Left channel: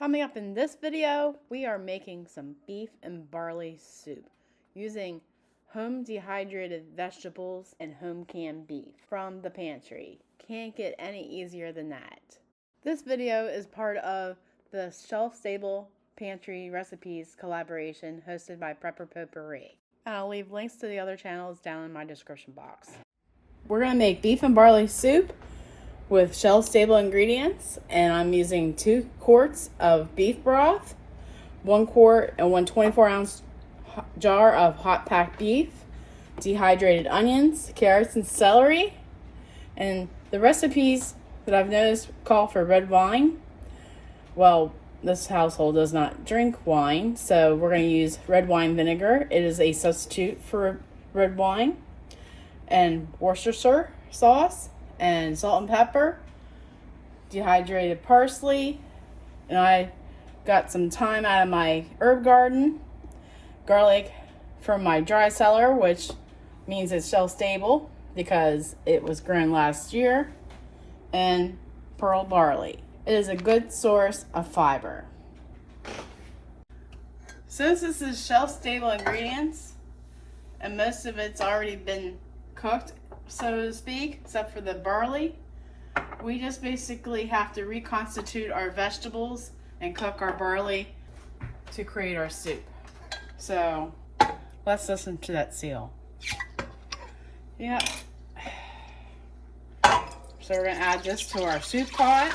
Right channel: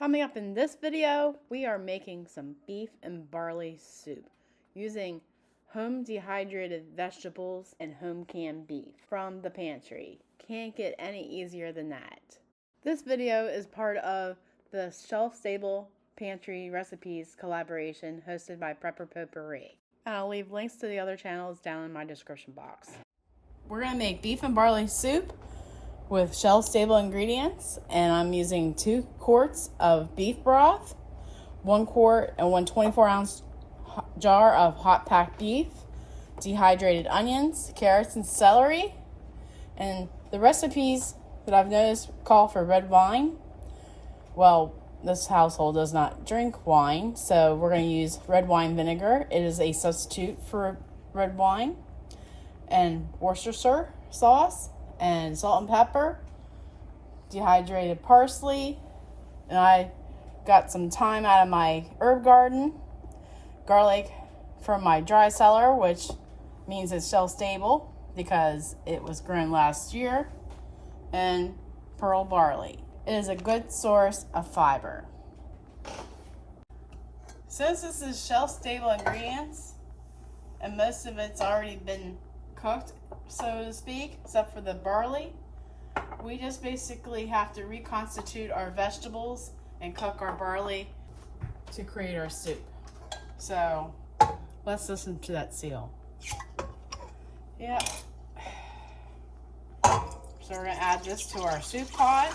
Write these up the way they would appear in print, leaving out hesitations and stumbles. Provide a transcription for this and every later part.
Coming up in this video, we are making some beef and barley soup using home dehydrated vegetables and home canned beef from the pantry. Can't get any easier than that. This video is part of the Shelf Stable Pantry Recipes collaboration hosted by Prepper Potpourri. And I'll leave links to the other channels down in my description box. We're going to make beef and barley soup with shelf stable ingredients, and I'm using 2 quarts of beef broth, 1 quart and 1 24-ounce jar of hot packed beef, dehydrated onions, carrots, and celery. And the recipes that I've noticed call for red wine. Well, this household does not drink wine, so we're going to use red wine vinegar. It is a substitute for red wine. And Worcestershire sauce, and salt and pepper, dehydrated parsley, and I got some thyme out of my herb garden, garlic from my dry cellar, which means it's shelf stable because it was grown last year, and pearl barley. It is a good source of fiber. Since this is shelf stable ingredients and most of it's already been cooked, so to speak, except for the barley, we just basically have to reconstitute our vegetables and cook our barley to create our soup. So let's listen to that seal. Yeah. So we're going to add this to our soup pot.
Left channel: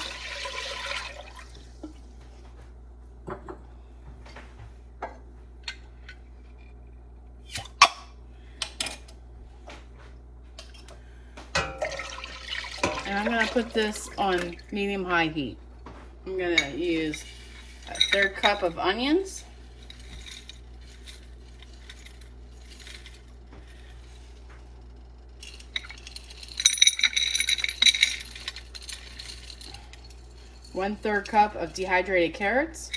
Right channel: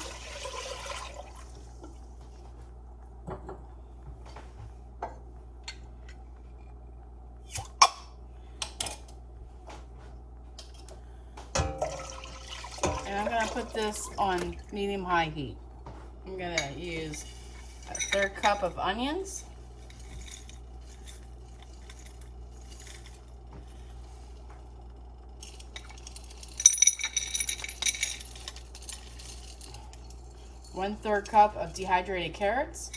And I'm going to put this on medium-high heat. I'm going to use a 1/3 cup of onions, one-third cup of dehydrated carrots.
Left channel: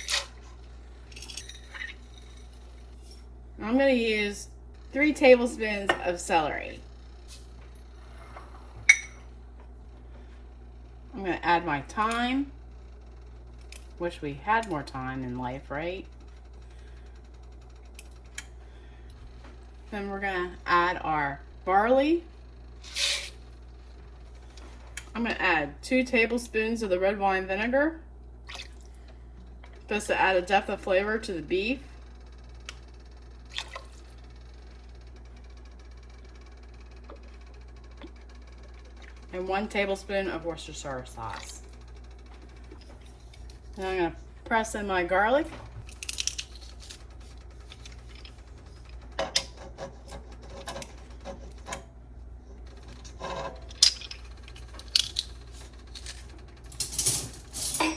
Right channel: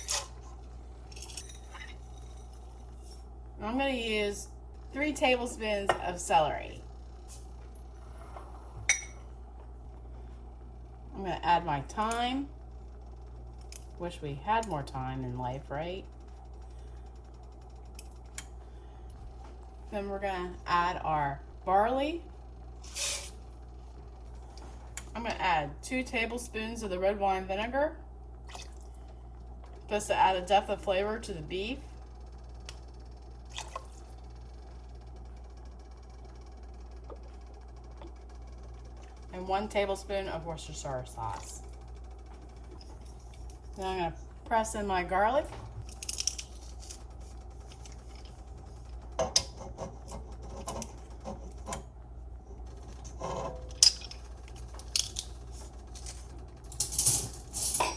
I'm going to use 3 tablespoons of celery. I'm going to add my thyme. Wish we had more time in life, right? Then we're going to add our barley. I'm going to add 2 tablespoons of the red wine vinegar. Supposed to add a depth of flavor to the beef. And 1 tablespoon of Worcestershire sauce. Then I'm going to press in my garlic.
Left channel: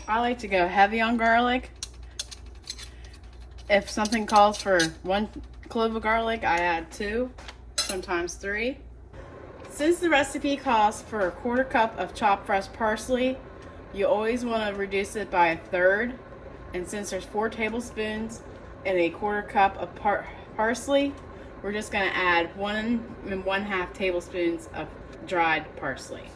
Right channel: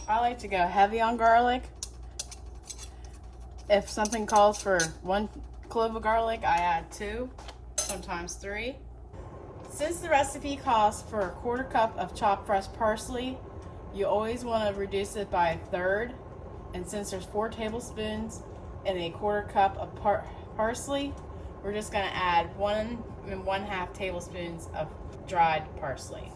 I like to go heavy on garlic. If something calls for 1 clove of garlic, I add 2, sometimes 3. Since the recipe calls for a 1/4 cup of chopped fresh parsley, you always want to reduce it by 1/3. And since there's 4 tablespoons and a 1/4 cup of parsley, we're just going to add 1 1/2 tablespoons of dried parsley.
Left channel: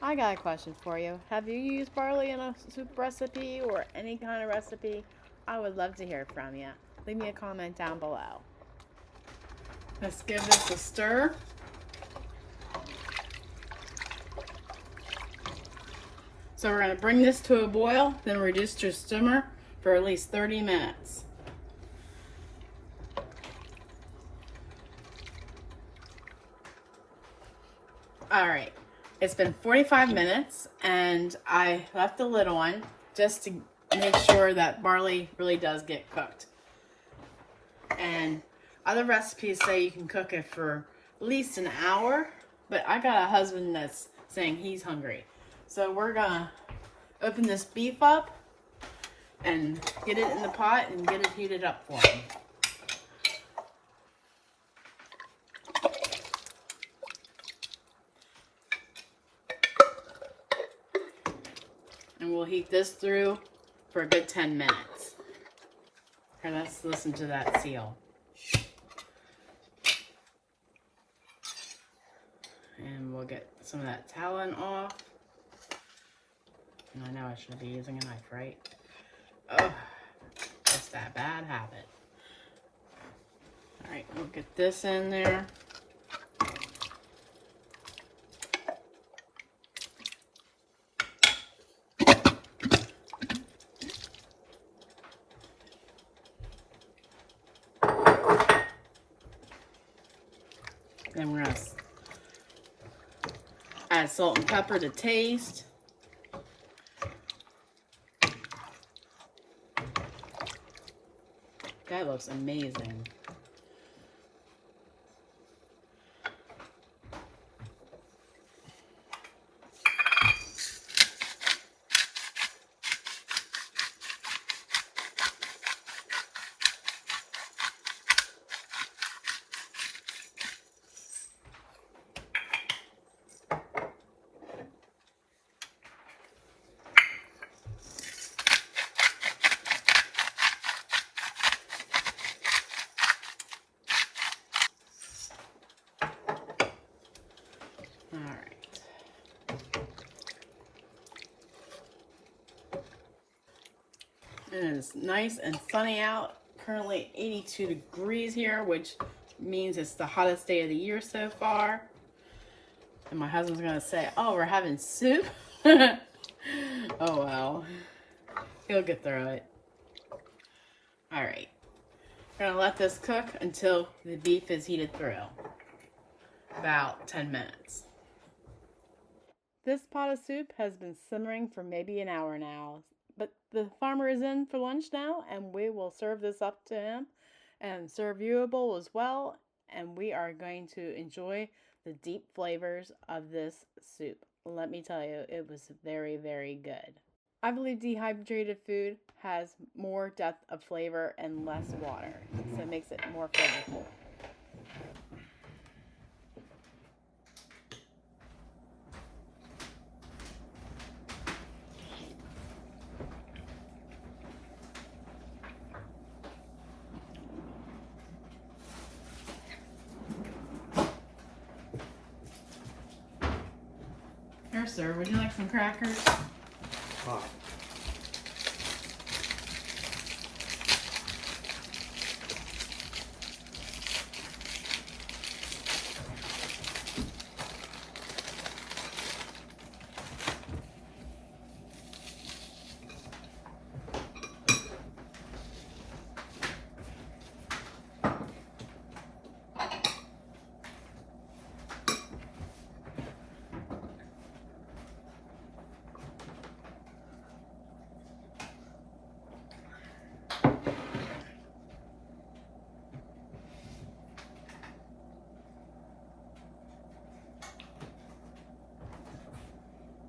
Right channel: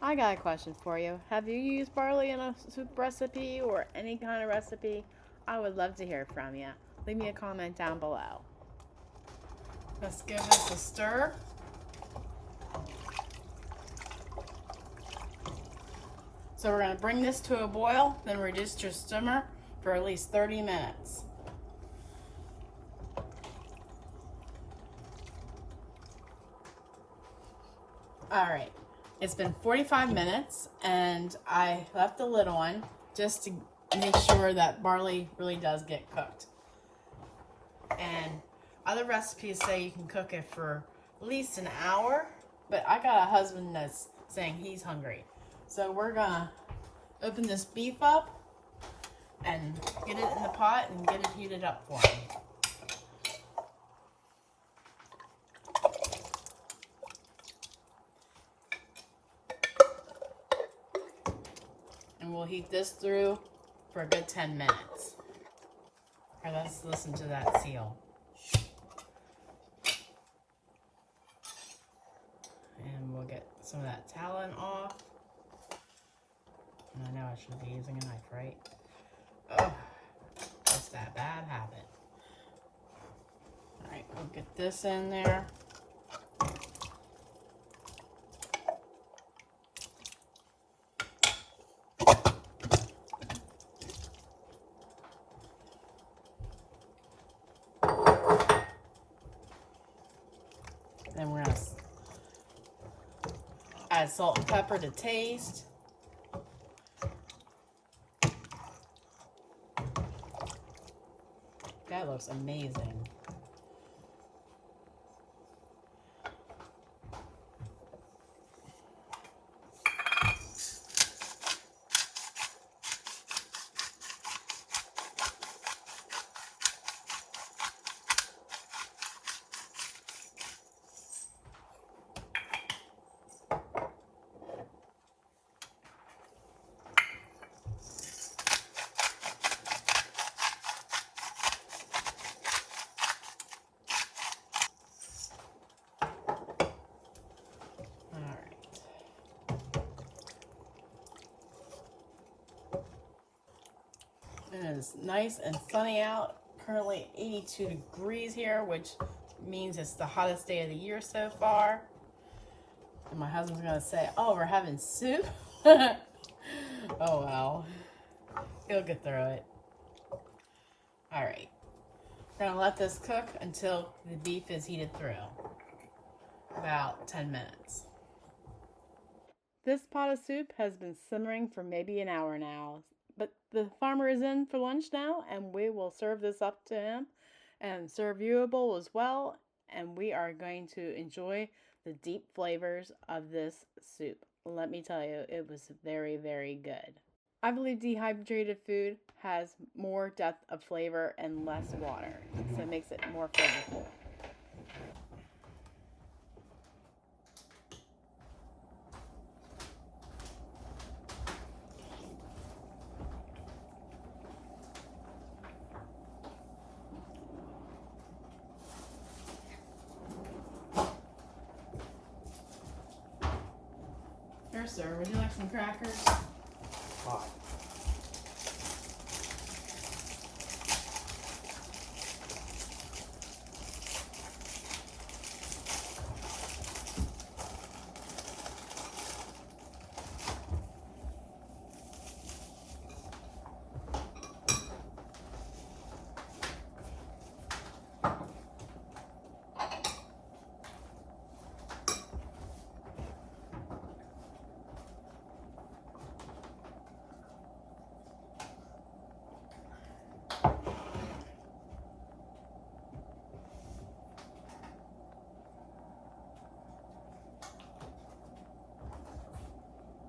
I got a question for you. Have you used barley in a soup recipe or any kind of recipe? I would love to hear from you. Leave me a comment down below. Let's give this a stir. So we're going to bring this to a boil, then reduce to a simmer for at least 30 minutes. Alright, it's been 45 minutes and I left the lid on just to make sure that barley really does get cooked. And other recipes say you can cook it for at least an hour, but I got a husband that's saying he's hungry. So we're gonna open this beef up and get it in the pot and get it heated up for him. And we'll heat this through for a good 10 minutes. And let's listen to that seal. And we'll get some of that talon off. And I know I should be using a knife, right? Oh, just that bad habit. All right, we'll get this in there. And we're going to add salt and pepper to taste. That looks amazing. It is nice and sunny out. Currently 82 degrees here, which means it's the hottest day of the year so far. And my husband's gonna say, oh, we're having soup? Oh, well. He'll get through it. All right. I'm gonna let this cook until the beef is heated through. About 10 minutes. This pot of soup has been simmering for maybe an hour now. But the farmer is in for lunch now, and we will serve this up to him and serve you a bowl as well. And we are going to enjoy the deep flavors of this soup. Let me tell you, it was very, very good. I believe dehydrated food has more depth of flavor and less water, so it makes it more flavorful. Here, sir, would you like some crackers? Oh.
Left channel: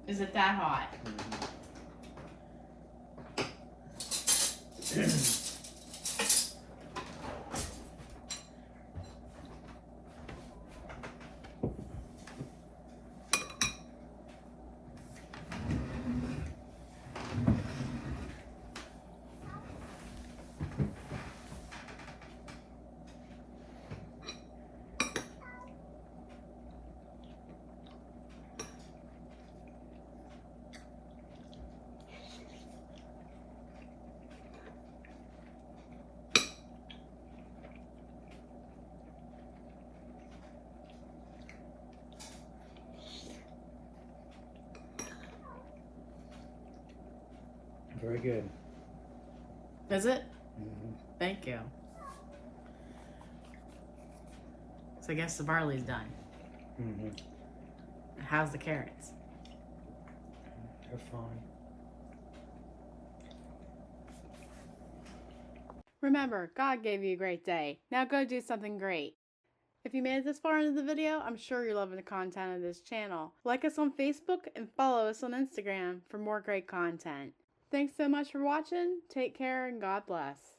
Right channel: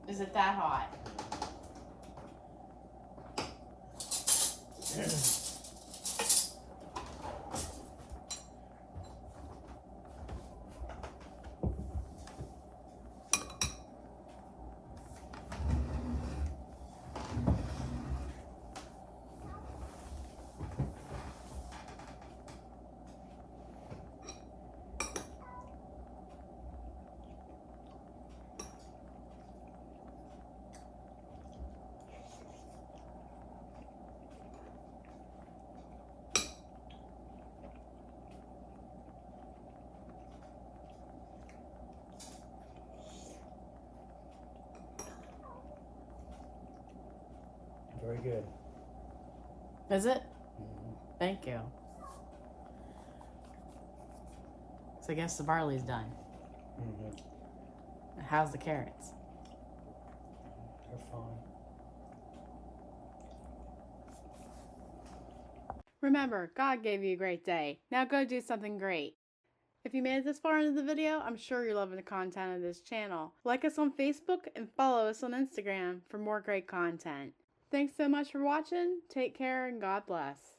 Is it that hot? Very good. Is it? Mm-hmm. Thank you. So I guess the barley's done. Mm-hmm. How's the carrots? They're fine. Remember, God gave you a great day. Now go do something great. If you made it this far into the video, I'm sure you're loving the content of this channel. Like us on Facebook and follow us on Instagram for more great content. Thanks so much for watching. Take care and God bless.